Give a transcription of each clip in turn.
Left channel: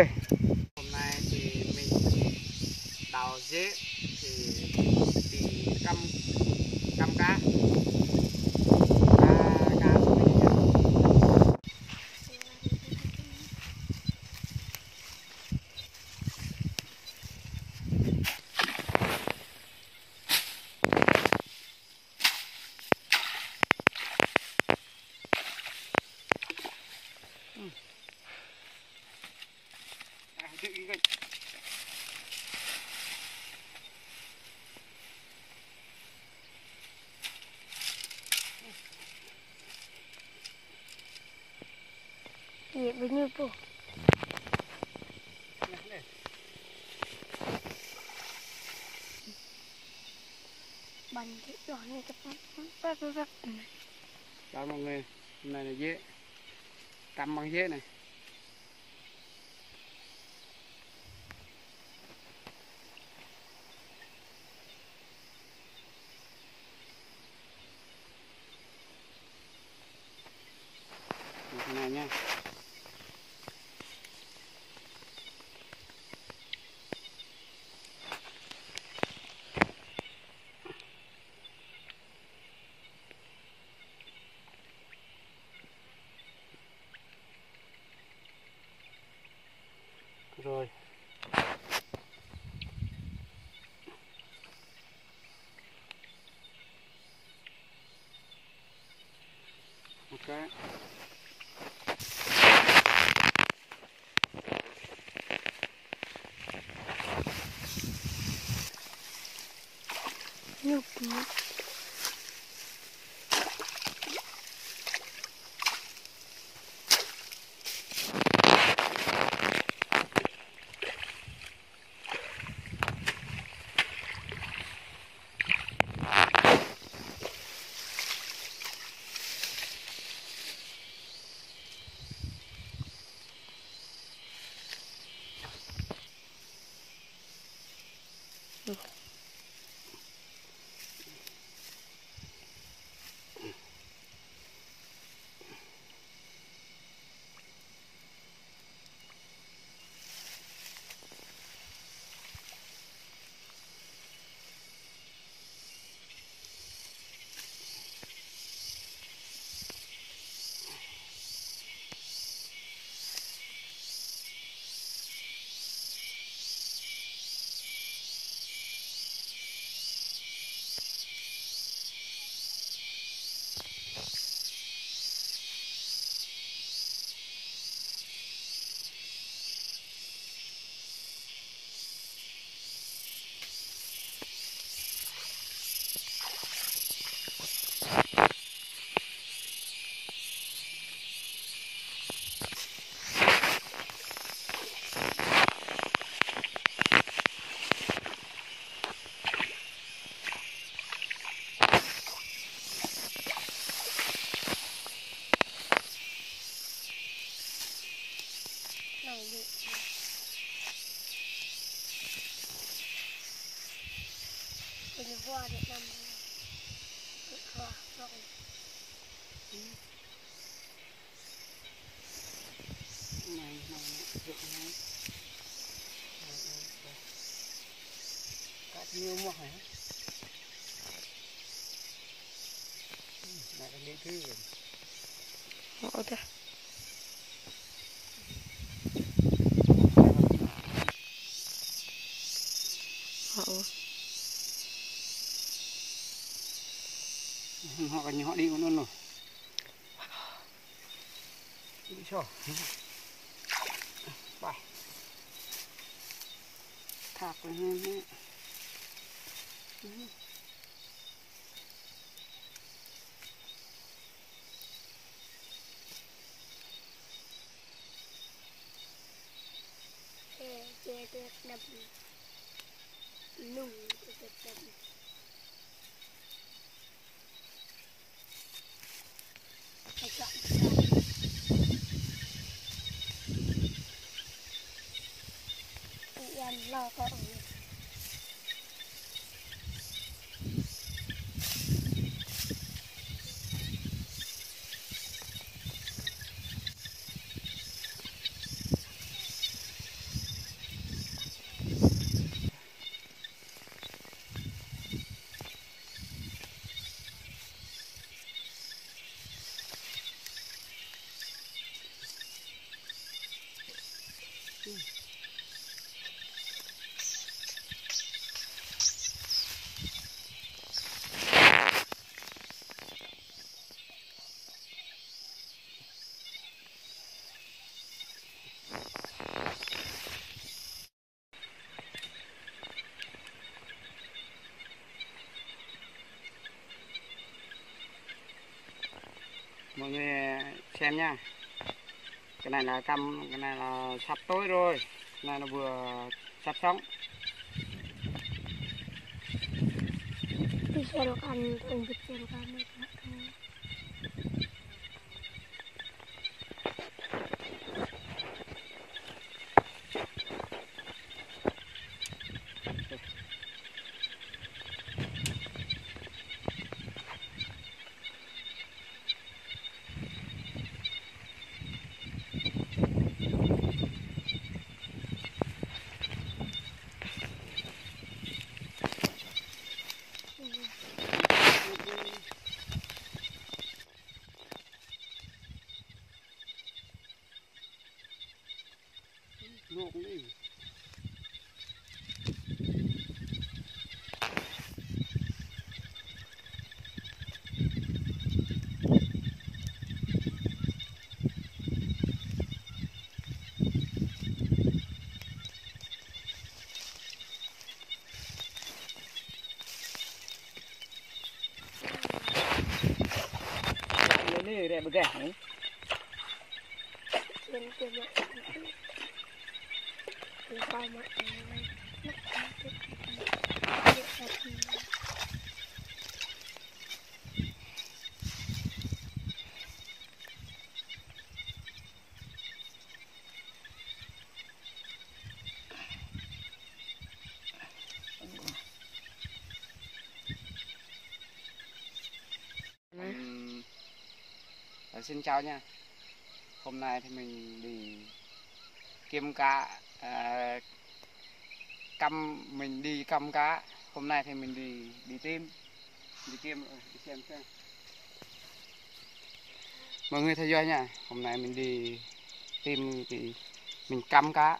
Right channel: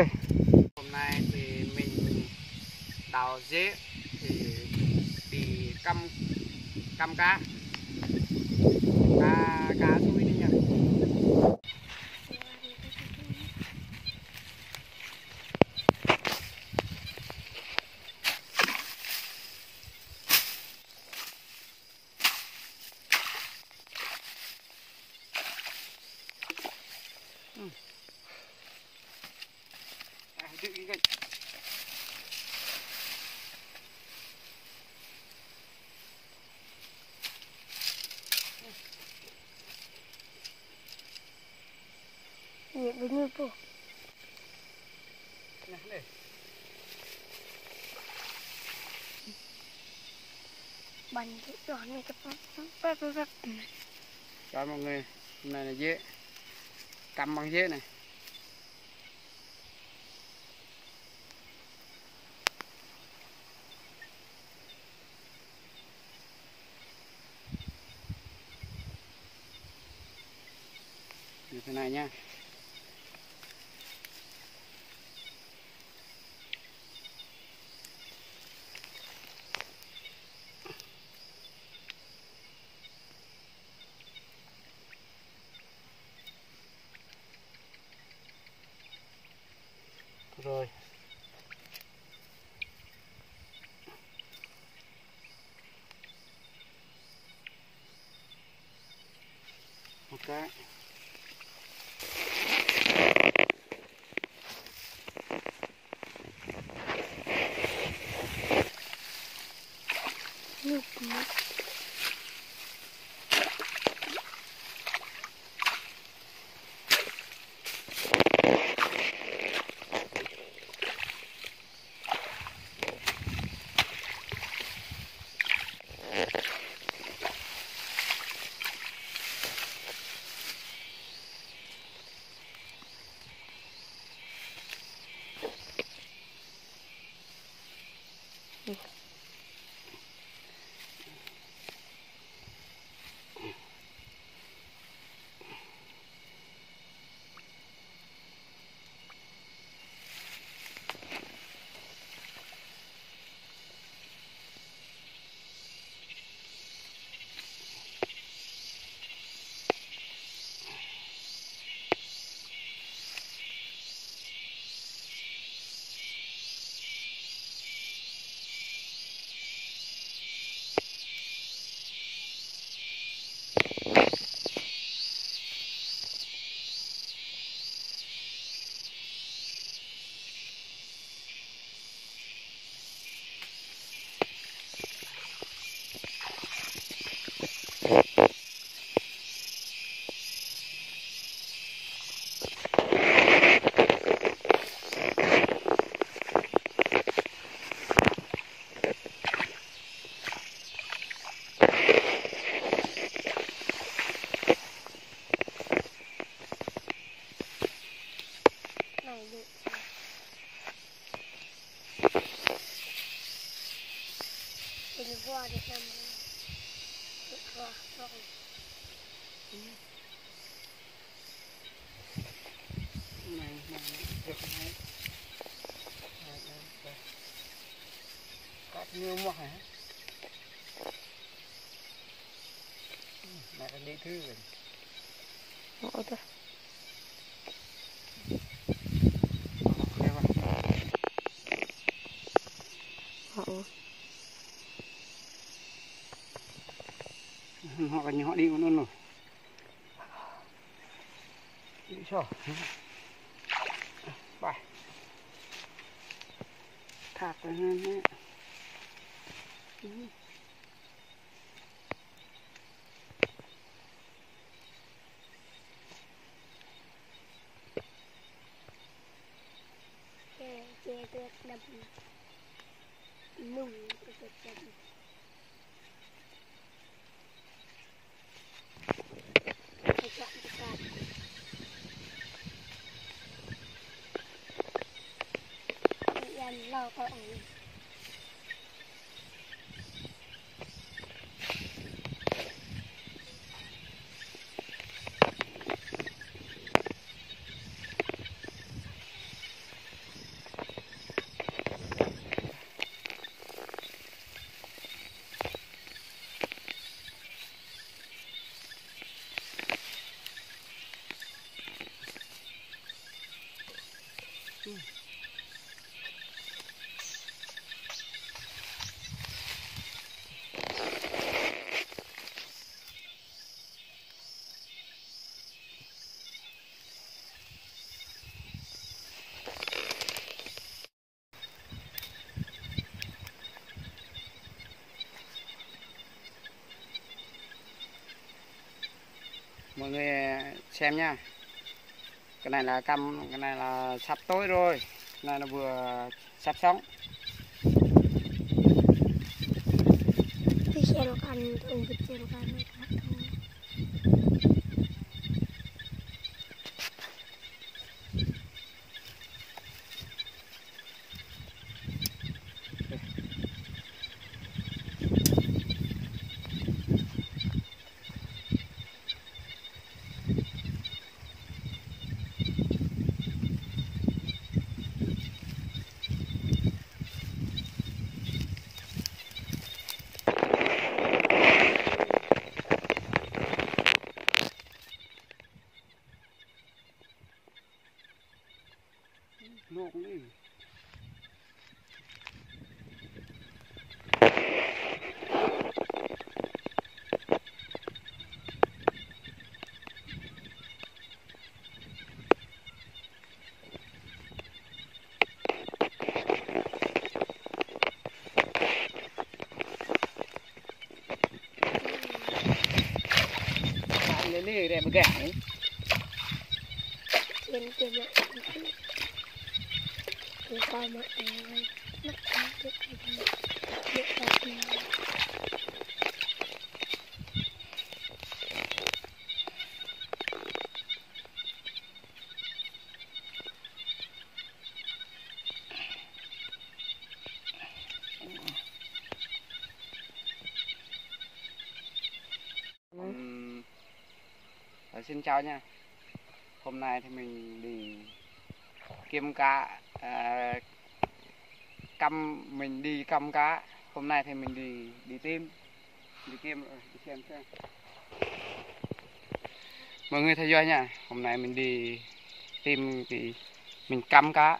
đây. Hôm nay thì mình đào dế thì đi cắm cá suối này nha. Iya bener tuh. Nah, đây. Bantu này cepat. Chào mọi người, hôm nay là dế, cắm bằng dế này. Như thế này nha. Rồi. Ok. Ini gua ada nama. Này, được này. Đây. Cắt nhiều mỏ hả? Này đi thư rồi. Ngộ thế. Họ gần như họ đi con luôn rồi. Đi cho. Bài. Thạc lên nhé. Được đập nung được đập. Lo con Mọi người xem nha, cái này là căm, cái này là sắp tối rồi, cái này là vừa sắp sống. Diselokan untuk diselokan mereka. Luộc đi. Bạn lên đi để mà gãy. Trên kia mọi người thì coi mọi người mất cái Xin chào nha. Hôm nay thì mình đi kiếm cá, mình đi căm cá. Hôm nay thì mình đi tìm, đi xem. Mọi người theo dõi nha. Hôm nay mình đi tìm thì mình căm cá.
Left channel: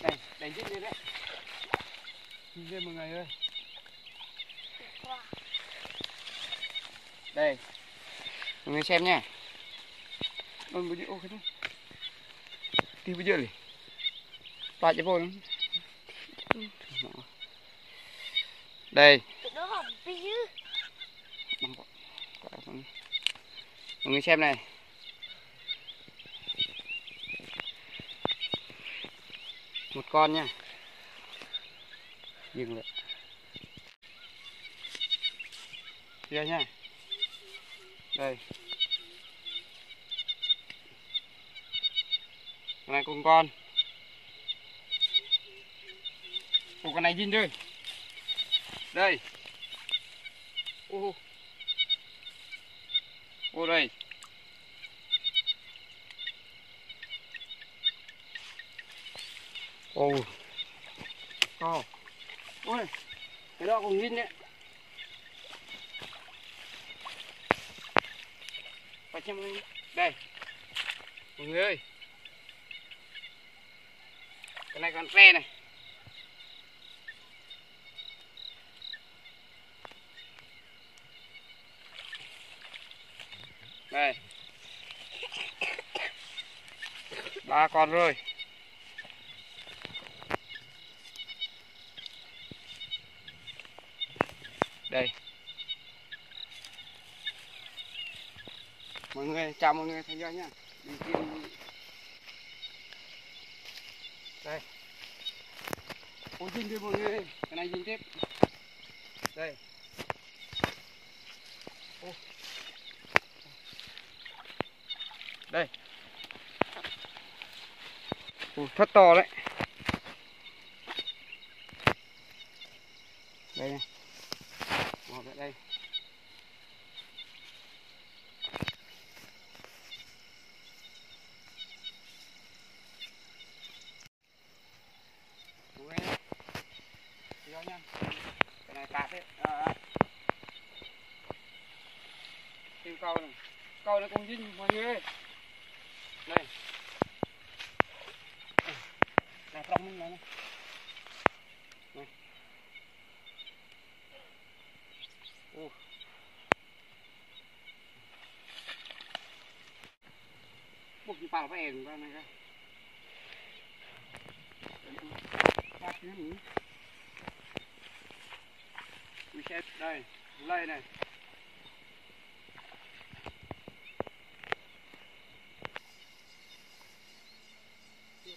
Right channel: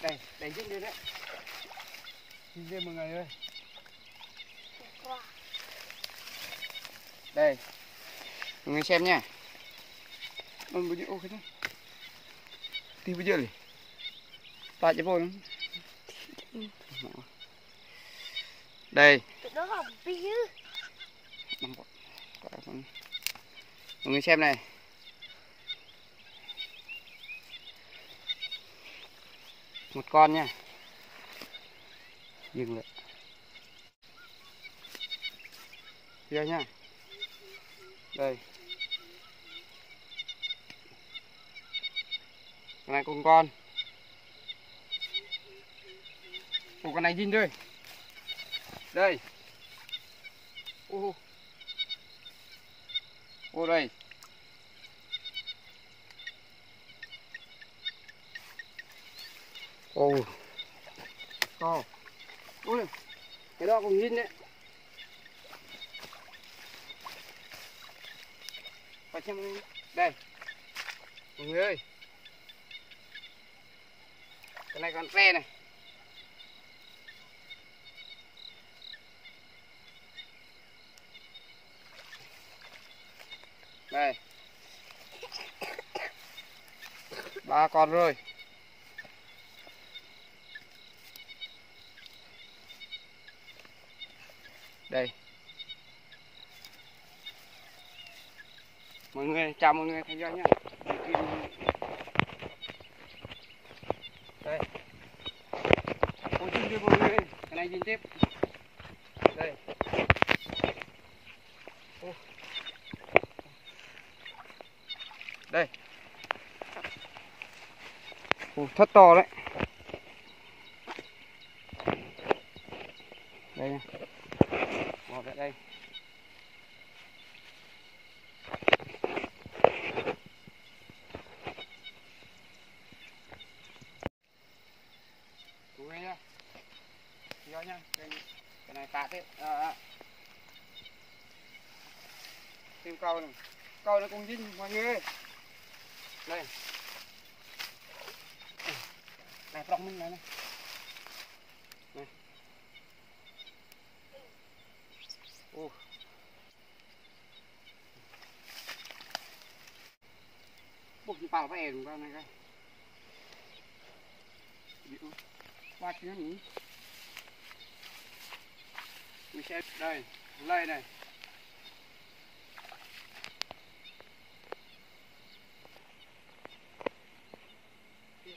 Đây dính đi đấy. Dính đi mọi người ơi. Đây, mọi người xem nha. Bây giờ ok đó. Thì bây giờ đi. Ta cho vô lắm. Đây. Mọi người xem này. Một con nha. Dừng lại. Đây nha. Đây. Con này cùng con. Ủa, con này dính rồi. Đây. Ô đây. Ồ. To. Ôi. Cái đó cũng dính đấy. Đây mọi người ơi, cái này còn tre này. Đây 3 con rồi. Đây mọi người, chào mọi người theo dõi nhá. Đây. Ôi dính cho mọi người, cái này dính tiếp. Đây. Đây. Rất to đấy. Đây nha. Bỏ lại đây. Mọi người nha. Theo nha. Cái này cát đấy. Tìm câu này. Câu nó cũng dính mọi người ơi. Đây. Này trong mình này. Này. Ô. Bốc đi vào về ra này coi. Ba cái nhỉ? Mình sẽ đây, lây này.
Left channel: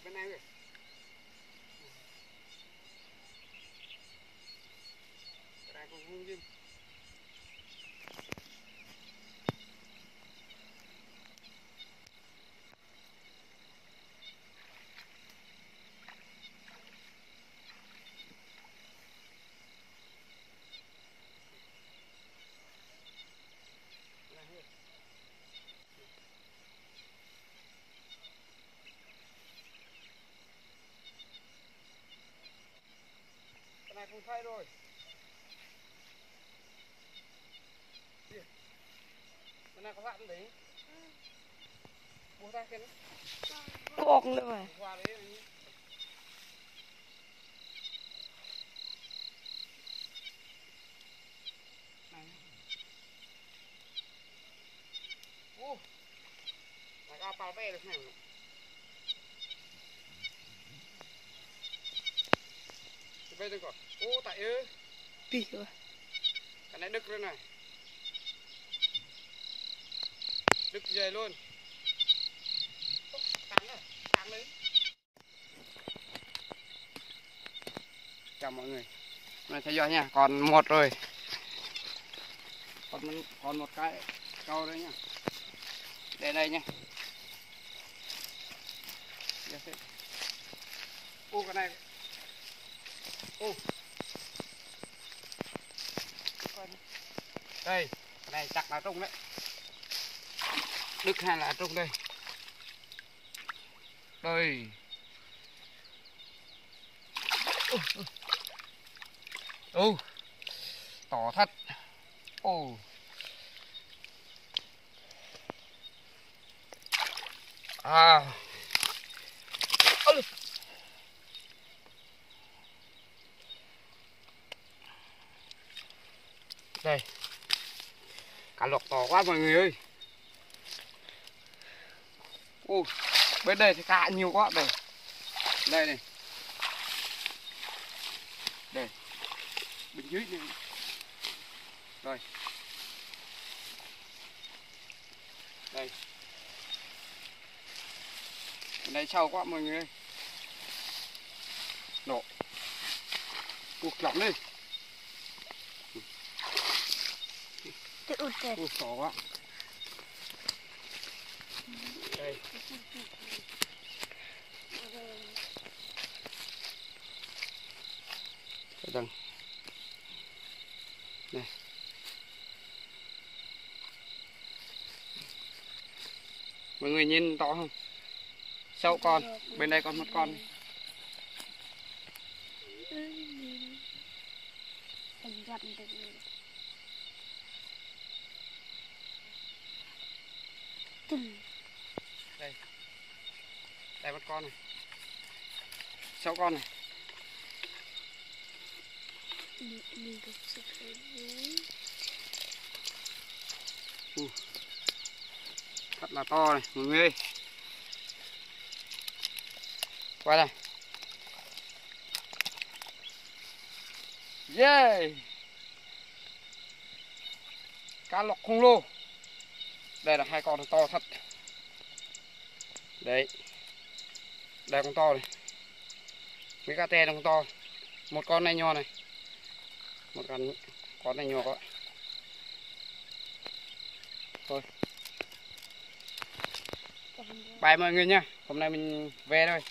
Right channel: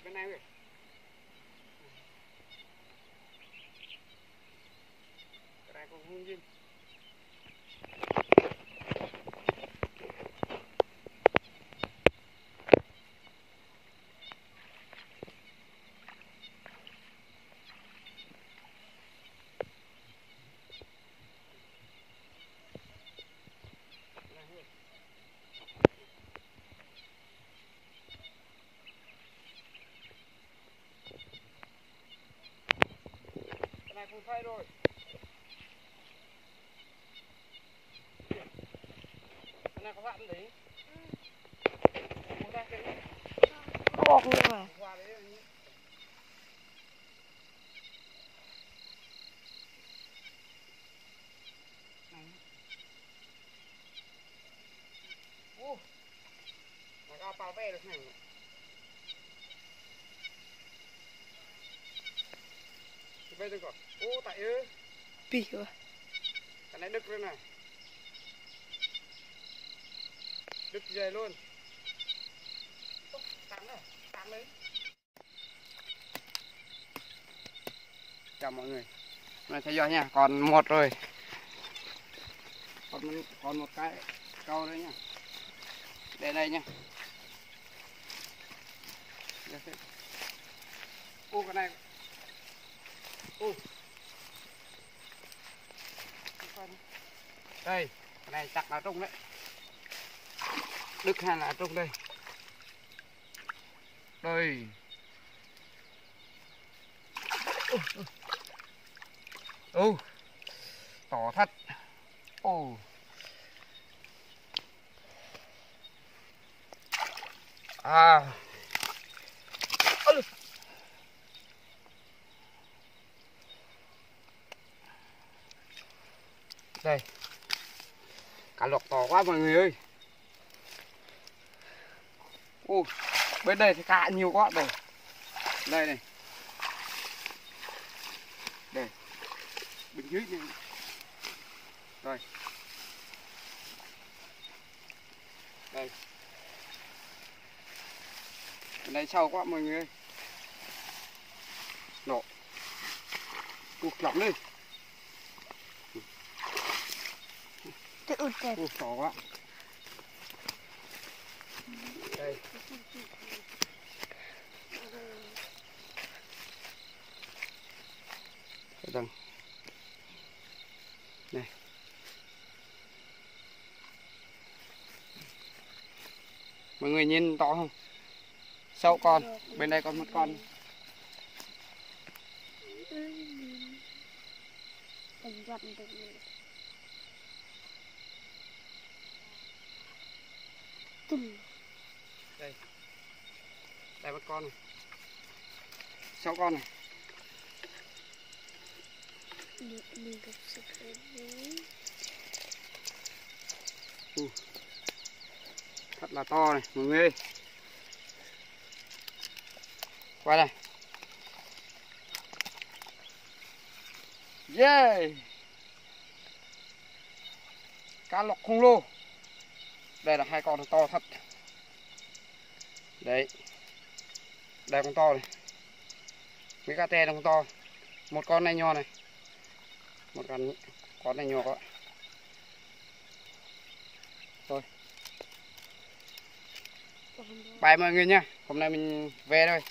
Bên này kìa. Cái này còn hung dinh. Cái này không thay rồi. Cái này có vặn đấy. Mua ra cái này. Bọc như vậy. Qua đấy này. Này. Ô. Này có bao ve được này. Bây giờ còn. Ô tại ư. Bì rồi. Cái này đứt luôn này. Đứt dày luôn. Tăng đấy. Chào mọi người. Hôm nay theo dõi nha, còn một rồi. Còn một cái câu đấy nha. Để đây nha. Ô cái này. Ô. Đây, cái này chắc là trung đấy. Đứt hay là trung đây. Đây. Ô. Tỏ thật. Ô. À. Đây. Cá lọc to quá mọi người ơi. Ô, bên đây thì cá nhiều quá đây. Đây này. Đây. Bên dưới này. Rồi. Đây. Bên đây sâu quá mọi người ơi. Nổ. Cuộc lỏng đi. Ôi, to quá. Đây. Đây. Này. Mọi người nhìn to không? Sâu con, bên đây còn một con này. Đây. Đây một con này. 6 con này. Thật là to này mọi người ơi. Qua đây. Yeah. Cá lọc khổng lồ. Đây là 2 con to thật. Đấy. Đây con to này. Mấy cá te con to. Một con này nhỏ này. Một con này nhỏ quá. Thôi. Bye mọi người nha. Hôm nay mình về thôi.